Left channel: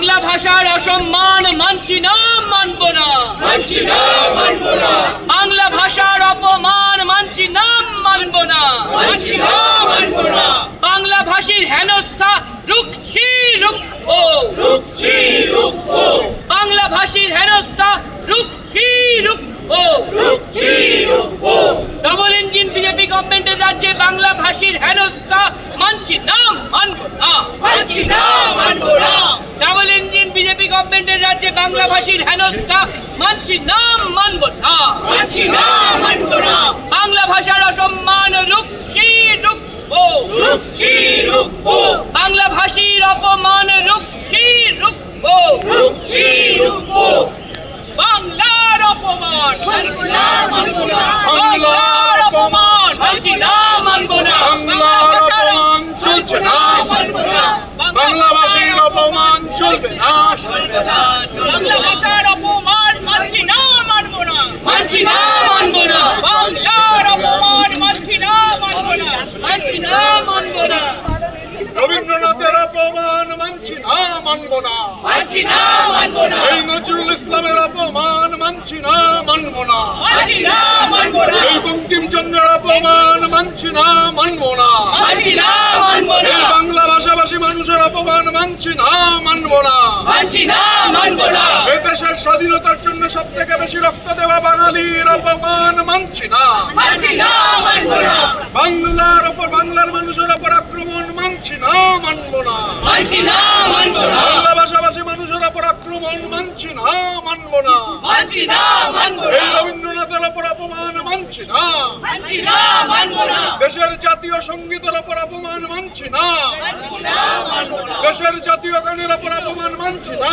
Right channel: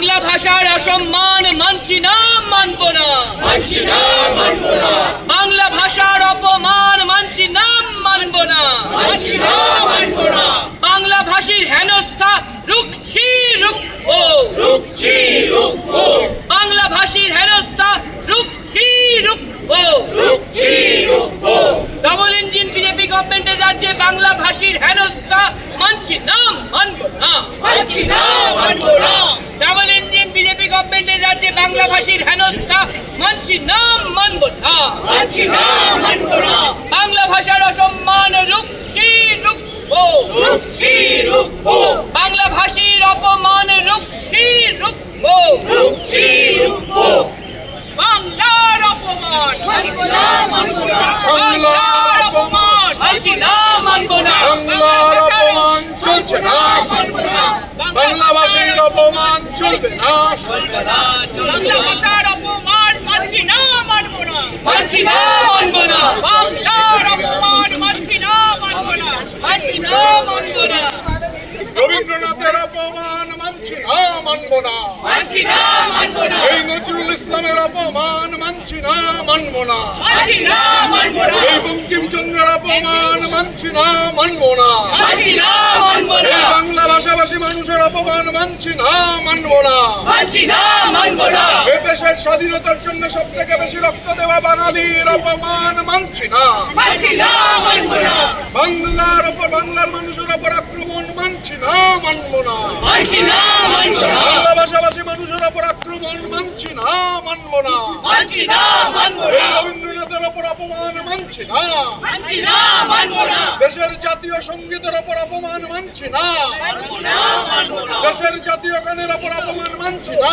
বাংলা ভাষার অসম্মান মানছি না, মানব না। বাংলা ভাষার অপমান মানছি না, মানব না। বাংলা ভাষীর হেনস্থা রুখছি, রুখবো। বাংলা ভাষীর হেনস্থা রুখছি, রুখবো। ডবল ইঞ্জিন বিজেপি গভর্নমেন্টের রাজ্যে বাংলা ভাষীর হেনস্থা মানছি না, মানব না। ডবল ইঞ্জিন বিজেপি গভর্নমেন্টের রাজ্যে বাংলা ভাষীর হেনস্থা মানছি না, মানব না। বাংলা ভাষার অসম্মান রুখছি, রুখবো। বাংলা ভাষীর অপমান রুখছি, রুখবো। বাংলার অপমান, বাংলার অপমান মানছি না, মানব না। বাংলার অপমান চলছে না, বাংলা ভাষীর অপমান চলবে না। বাংলা ভাষার অপমান মানছি না, মানব না। বাংলার অপমান মানছি না, মানব না। রবীন্দ্রনাথের অপমান মানছি না, মানব না। এই নজরুল ইসলামের অপমান মানছি না, মানব না। এই বঙ্কিমচন্দ্রের অপমান মানছি না, মানব না। এই বাংলা ভাষাভাষী মানুষের অপমান মানছি না, মানব না। এ দেশের স্বাধীনতার জন্য সব থেকে বেশি রক্ত দেওয়া বাঙালির অপমান মানছি না। বাংলার উপর, বাংলার মানুষের উপর আক্রমণ মানছি না, মানব না। বাংলা ভাষাভাষী মানুষের উপর আক্রমণ মানছি না, মানব না। এই রবীন্দ্রনাথের উপর অপমান মানছি না। দেশের জাতীয় সঙ্গীতের উপর অপমান মানছি না। দেশের জাতীয় গানের উপর অপমান মানছি না।